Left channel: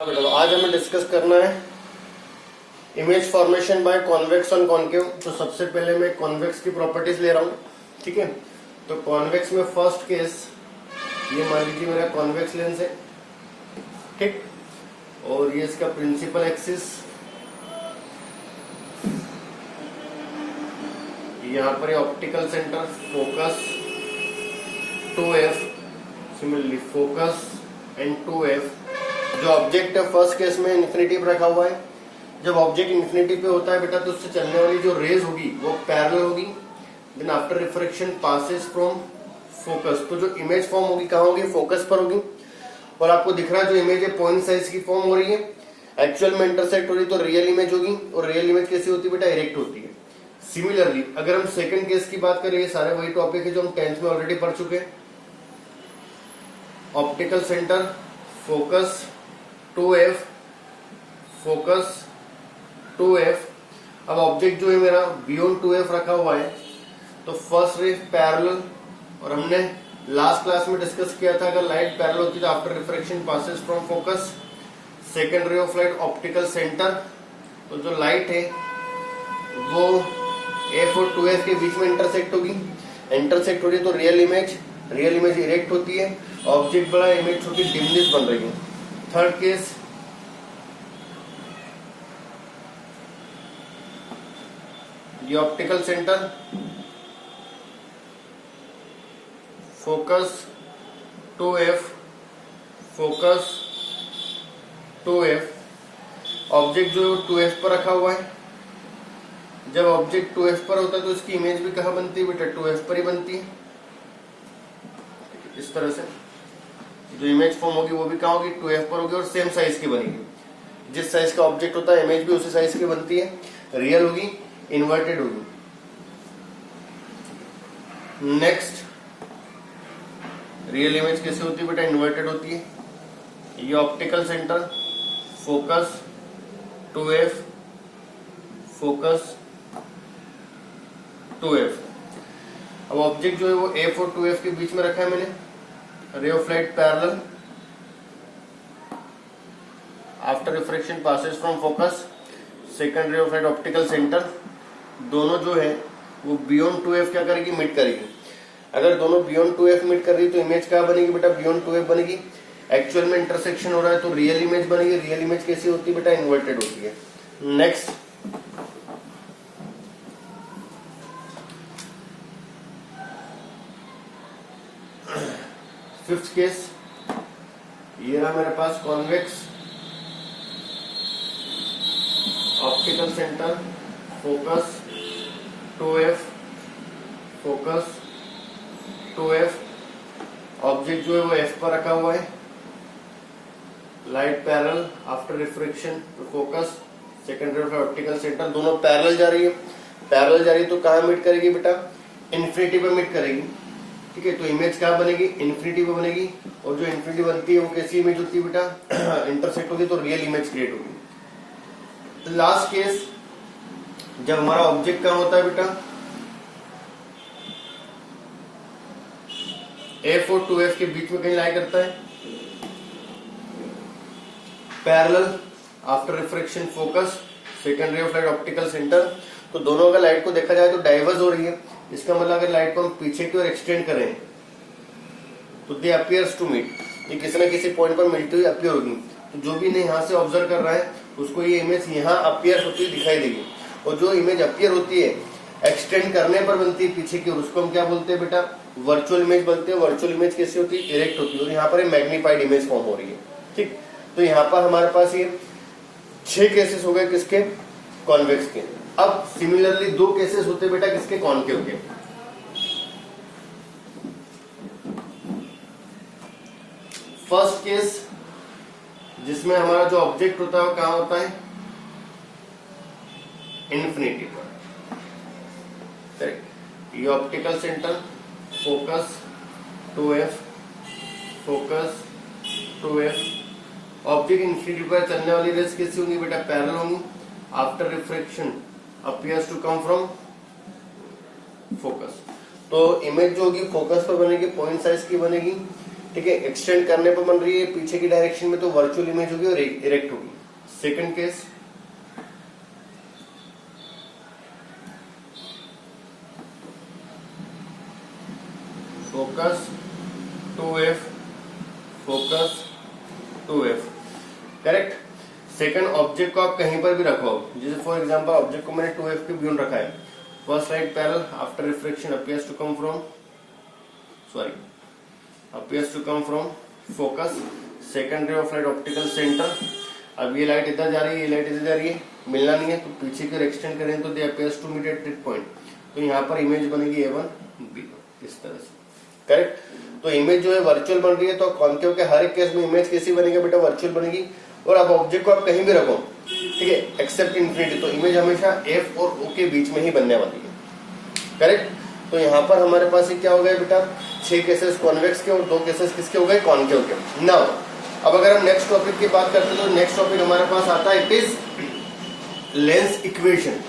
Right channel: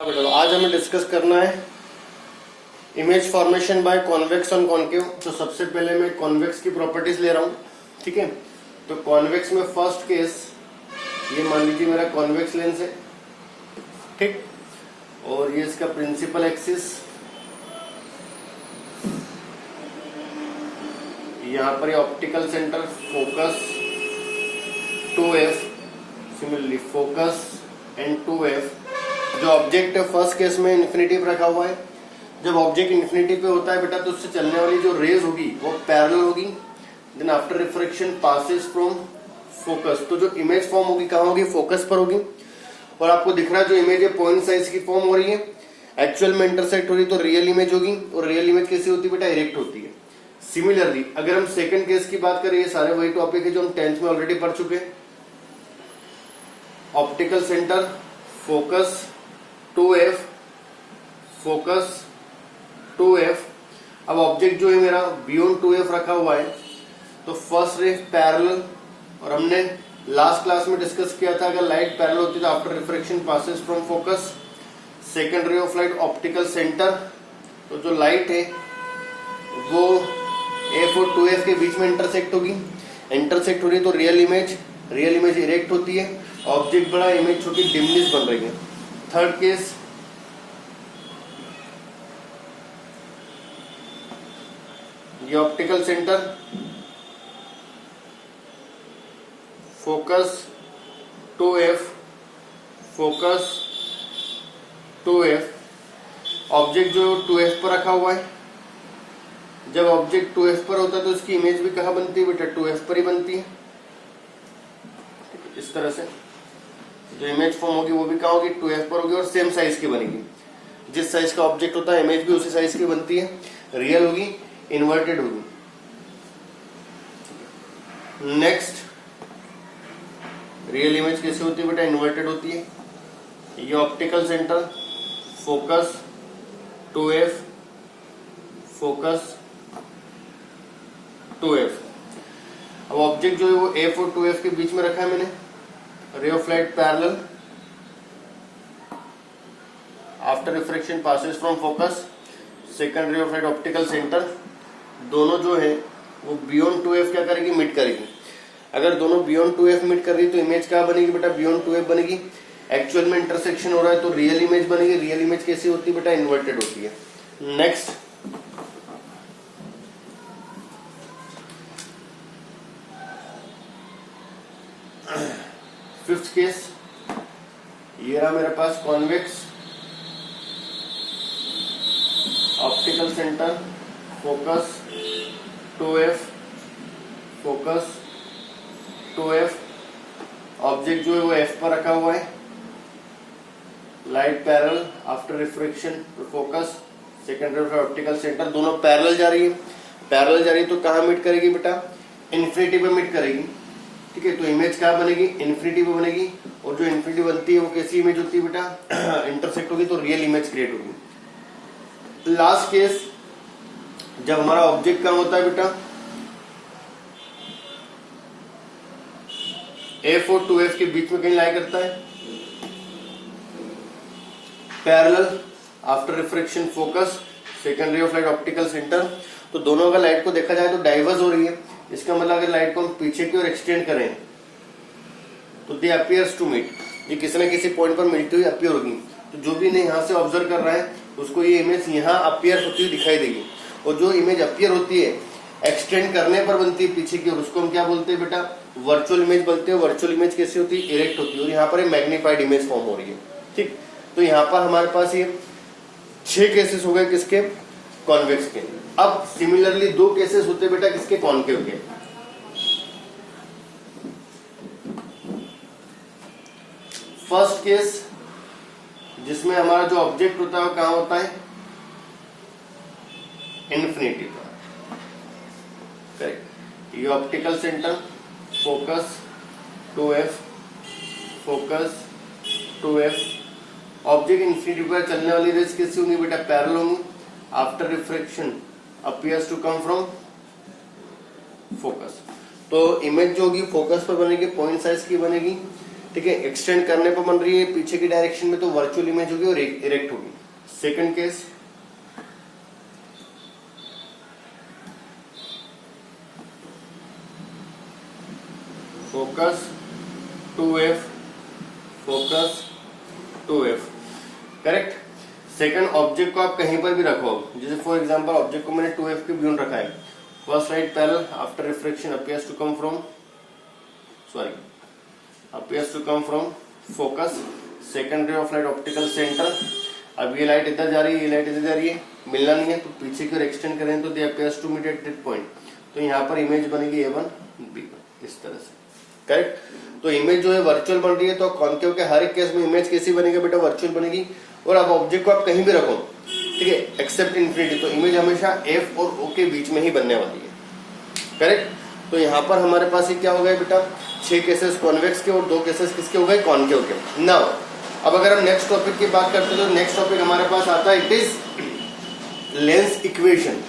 आज हमें डिस्कस करना है image formation by convex on concave. तो सबसे पहले मैं कॉन्वेक्स की प्रॉपर्टीज ले रहा हूँ, ठीक है। तो कॉन्वेक्स में फर्स्ट केस ये मान लीजिए मेरा कॉन्वेक्स लेंस है, ठीक, और ये इसका प्रिंसिपल एक्सिस, यहाँ पर optical centre, focus 2f, similarly focus and 2f। जो ऑब्जेक्ट है फर्स्ट केस में इन्फिनिटी पे रखा हुआ है। जब ऑब्जेक्ट इन्फिनिटी पे होता है बेटा तो उससे चलने वाली जो रेज होगी वो पैरेलल होगी, then after refraction passes from focus. तो जो इमेज फॉर्म होगी कहाँ होगी? फोकस पर होगी। और आपको दिख रहा है जो इमेज है पॉइंट साइज की फॉर्म हो रही है, एक्चुअल में इंटरसेक्ट हो रही है तो रियल इमेज होगी। और रियल इमेज कैसी होती है बेटा? इरेक्ट होती है। सिमिलरली अगर हम सेकंड केस की बात करें, ये सारे वही टॉपिक है जो हम 10th में ऑलरेडी पढ़ चुके हैं। Optical centre, focus 2f, focus 2f। अब ऑब्जेक्ट जो है मेरा बियॉन्ड 2f रखा हुआ है, तो फर्स्ट रे पैरेलल, और हमने लास्ट क्लास में डिस्कस किया था अगर लाइट पैरेलल होती है तो after refraction passes from focus. Second ray of light optical centre, तो जो लाइट है वो f और 2f के बीच में इंटरसेक्ट होगी। इंटरसेक्ट हो रही तो रियल इमेज इरेक्ट होती है, ऑब्जेक्ट बड़ा, इमेज छोटी, डिमनेस बन रही है। थर्ड केस, ये optical centre, focus 2f, focus 2f। Object जो 2f पर रखा हुआ है, जब ऑब्जेक्ट 2f पर होता है तो इसकी इमेज भी कहाँ बनती है बेटा? 2f पर ही बनती है। इस तरह से जो इमेज फॉर्म होगी वो भी कहाँ होगी? 2f पर होगी और सेम साइज की बनेगी। जिस साइज का ऑब्जेक्ट होता है इमेज भी उसी साइज की बनती है। रियल होगी, इन्वर्टेड होगी। नेक्स्ट, रियल इमेज कैसे होती है बेटा? इन्वर्टेड होती है। ये optical centre, focus 2f, focus 2f। अब ऑब्जेक्ट जो है वो f और 2f के बीच में रखा है मैंने। Ray of light parallel, after refraction passes from focus. Second ray of light optical centre, दोनों जो है वो बियॉन्ड 2f क्या करेगी? मिट करेगी। अगर दोनों बियॉन्ड 2f मिट कर रही तो इमेज क्या बनेगी बेटा? बियॉन्ड 2f बनेगी। एक्चुअल में इंटरसेक्शन हो रहा है तो रियल इमेज बनेगी। रियल इमेज कैसी होती है बेटा? इन्वर्टेड होती है। नेक्स्ट, फिफ्थ केस, ये रहा मेरे पास convex, optical centre, focus 2f, focus 2f। Object जो है वो f पर रखा हुआ है, light parallel, after refraction focus. Second ray of optical centre, दोनों पैरेलल जा रही है। पैरेलल जा रही है तो कहाँ मीट करेगी बेटा? इन्फिनिटी पे मीट करेगी, ठीक है। तो इमेज क्या बनेगी? इन्फिनिटी पे बनेगी। और जो इन्फिनिटी बनती है वो कैसी इमेज होती है बेटा? इंटरसेक्ट होगी तो रियल इमेज क्रिएट होगी। लास्ट केस, जब हमारा ऑब्जेक्ट कहाँ होता है बेटा? f और 2f के बीच में कहीं लाई करता है, parallel, after refraction focus, second ray of light optical centre. तो दोनों अगर लाइट को देखा जाए तो डाइवर्स हो रही है। इसका मतलब अगर लाइट को हम पीछे की ओर एक्सटेंड करें तो दे अपीयर्स टू मीट, ये किसी न किसी पॉइंट पर मिलती हुई अपीयर होगी। तो जो भी इन्हें यहाँ से ऑब्जर्व कर रहा है उसको ये इमेज यहाँ अपीयर होती हुई दिखाई देगी। और जो इमेज अपीयर होती है एक्सटेंड करने पर बनती है पीछे की ओर, उसको हम क्या बोलते हैं बेटा? वर्चुअल इमेज बोलते हैं। वर्चुअल इमेज कैसी होती है? इरेक्ट होती है। और यहाँ पर मैग्नीफाइड इमेज फॉर्म हो रही है, ठीक। तो यहाँ पर हमारे पास ये 6 केसेस हो गए किसके? कॉन्वेक्स के। अब सिमिलरली 2 केसेस होते बेटा किसके? कॉन्केव के। फर्स्ट केस जिसमें हमारा जो ऑब्जेक्ट होता है वो कहां होता है? इन्फिनिटी पर, करेक्ट। ये optical centre, focus 2f, focus 2f। Object infinity पर चलने वाली रेज कैसी होंगी बेटा? पैरेलल होंगी। After refraction appears to come from focus. तो इमेज जो होगी फोकस पर बनेगी, पॉइंट साइज की बनेगी, ठीक है, एक्सटेंड करने पर बन रही है पीछे की डायरेक्शन में, तो वर्चुअल इमेज होगी और इरेक्ट होगी। Second case, focus 2f, focus 2f, correct. Second, object को आप कहीं पर भी रखो, जैसे फॉर एग्जांपल ऑब्जेक्ट को मैंने 2f के बियॉन्ड रखा है। First light parallel after reflection appears to come from focus, second ray of light optical center। अब ये लाइट इधर जा रही है, ये लाइट इधर जा रही है, मिलना नहीं है, तो पीछे की ओर एक्सटेंड करें तो दे appears to meet at that point, तो यहाँ पर इमेज बनेगी A1 B1 इस तरह से, करेक्ट। तो इमेज जो है वर्चुअल बन रही है, तो कॉन्केव के हर एक केस में इमेज कैसी बनेगी बेटा, वर्चुअल बनेगी। और अब ऑब्जेक्ट को आप कहीं भी रखो, ठीक है, एक्सेप्ट इन्फिनिटी, तो इमेज हमेशा F और O के बीच में ही बनने वाली है, करेक्ट। तो यहाँ पर हमारे पास क्या हो गए बेटा, 6 केसेस कॉन्वेक्स के और 2 केसेस किसके हो गए, कॉन्केव के। नाउ अब अगर हम नेक्स्ट टॉपिक की बात करते हैं, तो नेक्स्ट टॉपिक हमारे पास आता है, it is lens equation.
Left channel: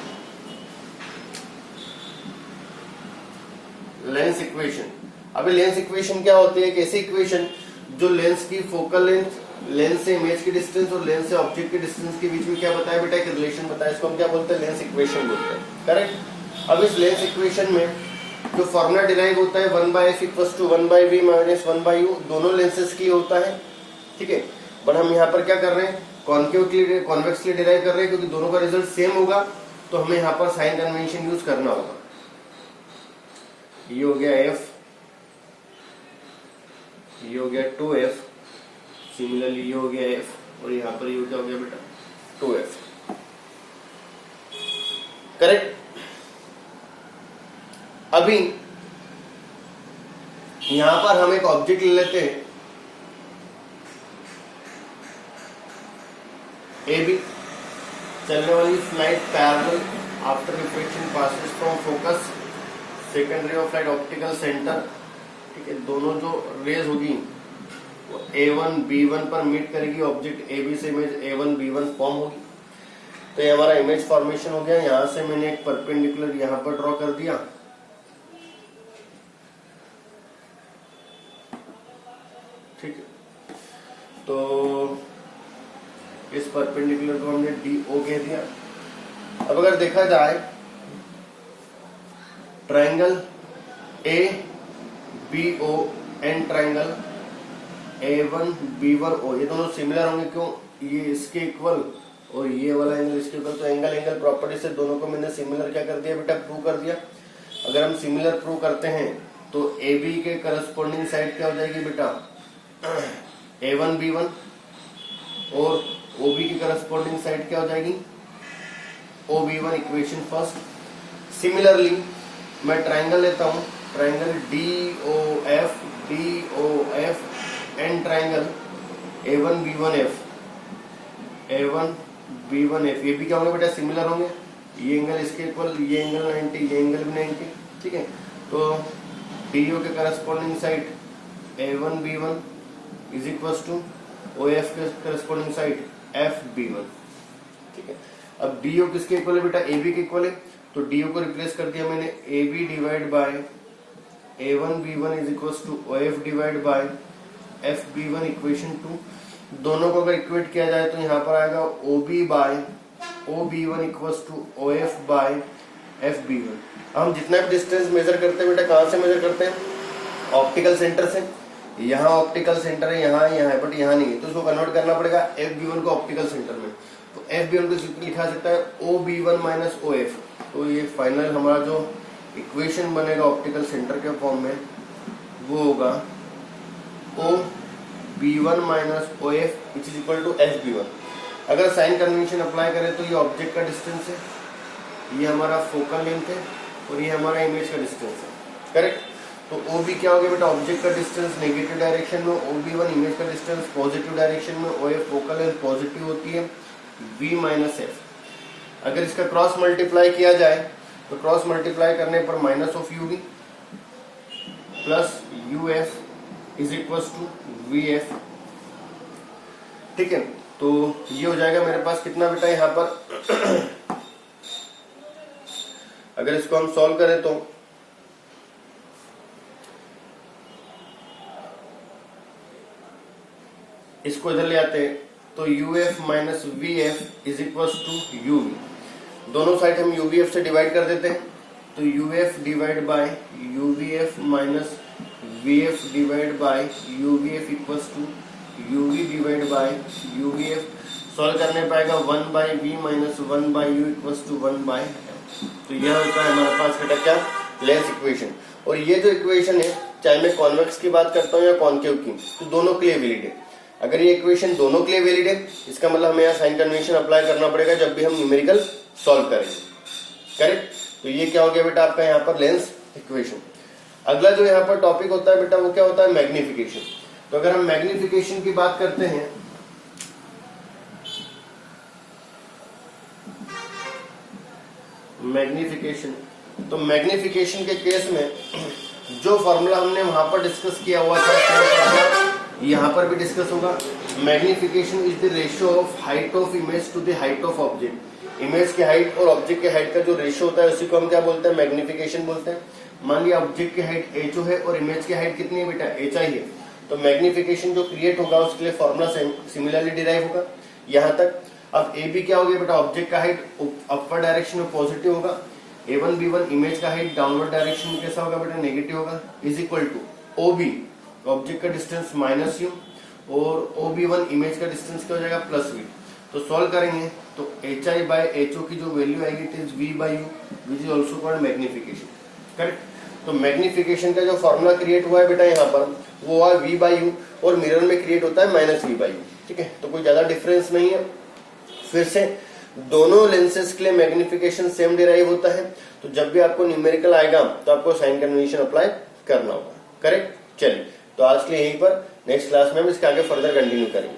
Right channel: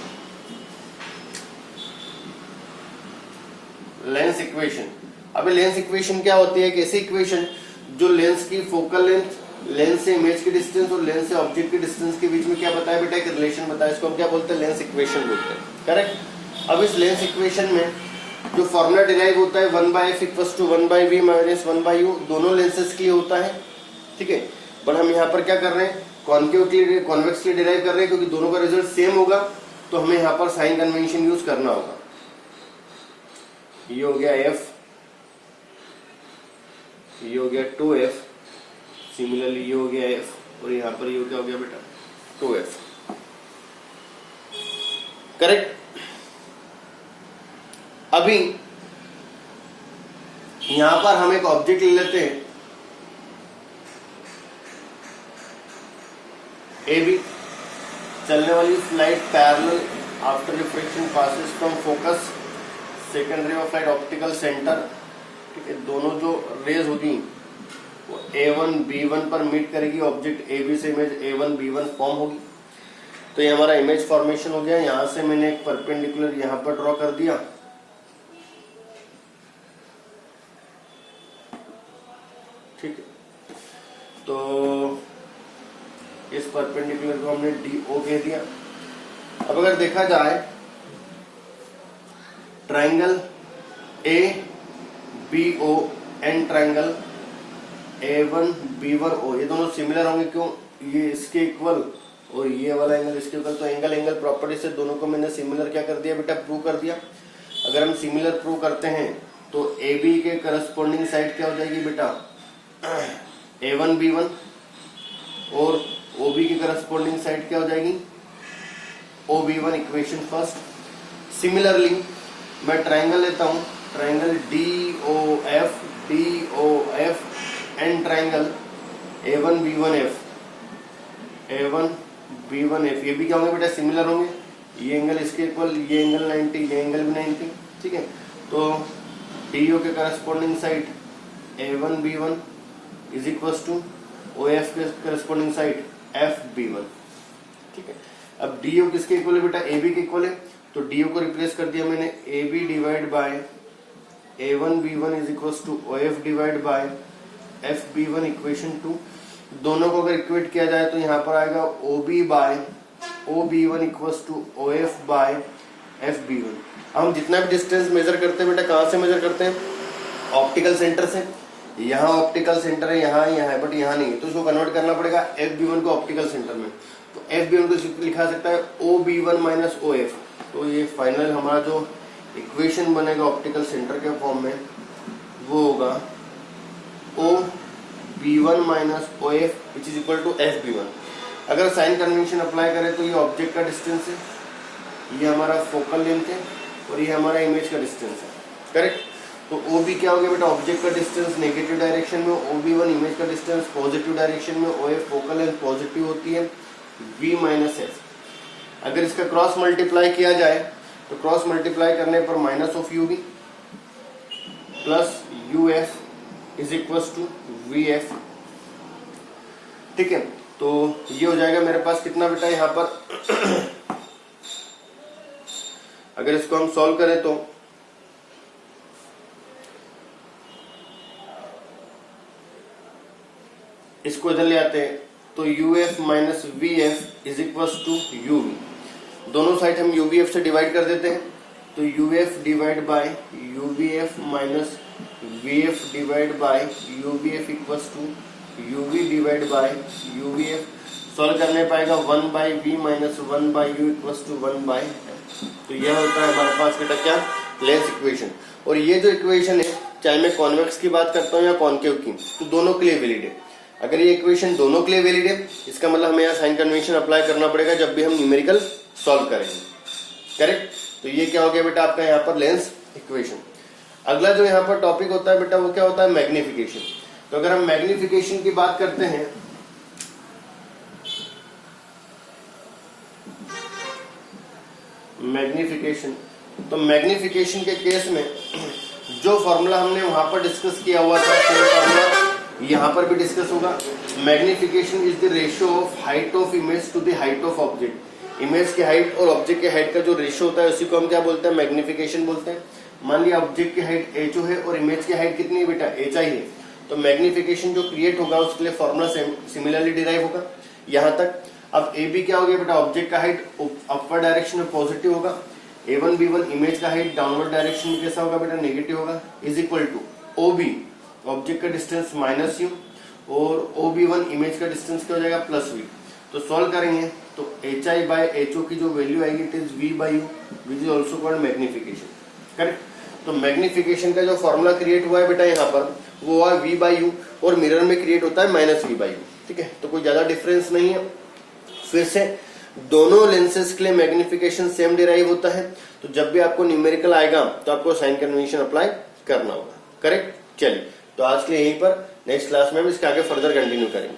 Lens equation, अभी लेंस इक्वेशन क्या होती है, एक ऐसी इक्वेशन जो लेंस की फोकल लेंथ, लेंस से इमेज की डिस्टेंस और लेंस से ऑब्जेक्ट की डिस्टेंस के बीच में क्या बताया बेटा, एक रिलेशन बताया, इसको हम क्या बोलते हैं, लेंस इक्वेशन बोलते हैं, करेक्ट। अब इस लेंस इक्वेशन में जो फॉर्मूला डिराइव होता है 1/f = 1/v - 1/u, दोनों लेंसेज के लिए होता है, ठीक है। बट हम यहाँ पर क्या कर रहे हैं, कॉन्केव के लिए, कॉन्वेक्स के लिए डिराइव कर रहे हैं, क्योंकि दोनों का रिजल्ट सेम होगा, तो हमें यहाँ पर साइन कन्वेंशन यूज करना होगा। ये हो गया f, ये हो गया 2f, सिमिलरली ये हो गया f, और यहाँ पर ये क्या हो गया बेटा 2f, करेक्ट। अभी यहां पर हम एक ऑब्जेक्ट ले लेते हैं ए बी, चलने वाली light parallel after reflection passes from focus, second ray of light optical centre, ठीक है। दोनों जो रेज होगी वो A1 B1 पर मीट करेगी, ऑब्जेक्ट ए बी से इमेज A1 B1 फॉर्म होगी। तो ये हमारा इमेज फॉर्मेशन हो गया। यहां से मैंने एक परपेंडिकुलर यहां पर ड्रॉ कर दिया, ठीक है। तो इस परपेंडिकुलर को हमने DO कह दिया। अब अगर देखा जाए triangle ABO and triangle A1 B1 O, ये दोनों सिमिलर होंगे, क्यों, ये इसके इक्वल और ये वाला एंगल इसके इक्वल, तो एंगल प्रॉपर्टी से दोनों को मैंने सिमिलर क्या कर दिया बेटा, प्रूव कर दिया। अगर हम सिमिलर प्रूव करते हैं तो AB के करस्पॉन्डिंग साइड क्या हो जाएगी बेटा, A1 B1, और OB की करस्पॉन्डिंग साइड क्या हो जाएगी, OB1, इक्वेशन फर्स्ट। सिमिलरली मैं ट्रायंगल लेता हूं, triangle DOF and triangle A1 B1 F, ये भी क्या होंगे बेटा, सिमिलर होंगे। ये एंगल इसके इक्वल, ये एंगल 90, ये एंगल भी 90, ठीक है। तो DO के corresponding side A1 B1 is equal to OF के करस्पॉन्डिंग साइड FB1, ठीक है। अब DO किसके इक्वल है बेटा, AB के इक्वल है, तो DO को रिप्लेस कर दिया मैंने, AB divide by A1 B1 is equal to OF divide by FB1, equation 2। दोनों को अगर इक्वेट किया जाए तो यहाँ पर आएगा OB by OB1 equal to OF by FB1। हम जितना भी डिस्टेंस मेजर करते हैं बेटा, कहाँ से मेजर करते हैं, ऑप्टिकल सेंटर से। यहाँ ऑप्टिकल सेंटर है, यहाँ है, बट यहाँ नहीं है, तो उसको कन्वर्ट करना पड़ेगा FB1 को ऑप्टिकल सेंटर में। तो FB1 को लिखा सकता है OB1 माइनस OF। तो ये फाइनल हमारा जो इक्वेशन बनेगा ऑप्टिकल सेंटर के फॉर्म में, वो होगा OB1 minus OF which is equal to FB1। अगर साइन कन्वेंशन अप्लाई करें तो ये ऑब्जेक्ट का डिस्टेंस है, ये हमारा फोकल लेंथ है, और ये हमारा इमेज का डिस्टेंस है, करेक्ट। तो OB क्या हो गया बेटा, ऑब्जेक्ट का डिस्टेंस नेगेटिव डायरेक्शन में, OB1 इमेज का डिस्टेंस पॉजिटिव डायरेक्शन में, OF फोकल लेंथ पॉजिटिव होती है, V माइनस F। अगर इसका क्रॉस मल्टीप्लाई किया जाए तो क्रॉस मल्टीप्लाई करने पर minus of UB plus UF is equal to VF, ठीक है। तो ये हो जाएगा मेरे पास कितना बेटा यहाँ पर अगर इसको हम सॉल्व करें तो इसको इधर ले आते हैं तो UF minus V F is equal to UV, दोनों साइड हम यूवीएफ से डिवाइड कर देते हैं तो UF divide by UVF minus VF divide by UVF equals to UV divide by UVF. Solve करने पाएगा 1 by V minus 1 by U equals to 1 by. तो यह होता है हमारे पास बेटा क्या, लेंस इक्वेशन। और ये जो इक्वेशन है चाहे मैं कॉन्वेक्स की बात करता हूँ या कॉन्केव की, तो दोनों के लिए वैलिड है। अगर ये इक्वेशन दोनों के लिए वैलिड है इसका मतलब हमें यहाँ साइन कन्वेंशन अप्लाई करना पड़ेगा जब भी हम न्यूमेरिकल सॉल्व करेंगे, करेक्ट। तो ये क्या हो गया बेटा आपका यहाँ पर लेंस इक्वेशन। अगला जो यहाँ पर टॉपिक होता है बेटा वो क्या होता है, मैग्निफिकेशन। तो अगर हम मैग्निफिकेशन की बात करते हैं मैग्निफिकेशन, तो मैग्निफिकेशन के केस में जो फॉर्मूला हमने वहां पर डिस्कस किया हुआ था फॉर्मूला यहाँ पर भी डिस्कस होगा। Magnification is the ratio of height of image to the height of object. Image की हाइट और ऑब्जेक्ट की हाइट का जो रेशियो होता है उसी को हम क्या बोलते हैं, मैग्निफिकेशन बोलते हैं। मान लिया ऑब्जेक्ट की हाइट एचओ है और इमेज की हाइट कितनी है बेटा, एच आई है, तो मैग्निफिकेशन जो क्रिएट होगा उसके लिए फॉर्मूला सिमिलरली डिराइव होगा यहाँ तक। अब ए बी क्या हो गया बेटा, ऑब्जेक्ट का हाइट अपवर्ड डायरेक्शन में पॉजिटिव होगा, A1 B1 इमेज का हाइट डाउनवर्ड डायरेक्शन में कैसा होगा बेटा, नेगेटिव होगा, is equal to OB object का डिस्टेंस माइनस यू और OB1 इमेज का डिस्टेंस क्या हो जाएगा प्लस V। तो सॉल्व करेंगे तो HI बाय HO की जो वैल्यू आएगी it is V by you which is also called magnification, correct. तो मैग्निफिकेशन का जो फॉर्मूला क्रिएट हुआ है बेटा यहाँ पर वो हुआ है V बाई यू और मिरर में क्रिएट होता है माइनस V बाई यू, ठीक है। तो कोई ज्यादा डिफरेंस नहीं है। फिर से दोनों लेंसेज के लिए मैग्निफिकेशन सेम डिराइव होता है, तो जब भी आपको न्यूमेरिकल आएगा तो आपको साइन कन्वेंशन अप्लाई करना होगा, करेक्ट। चलिए तो आज के लिए यहीं पर, नेक्स्ट क्लास में हम इसके आगे फर्दर कंटिन्यू करेंगे।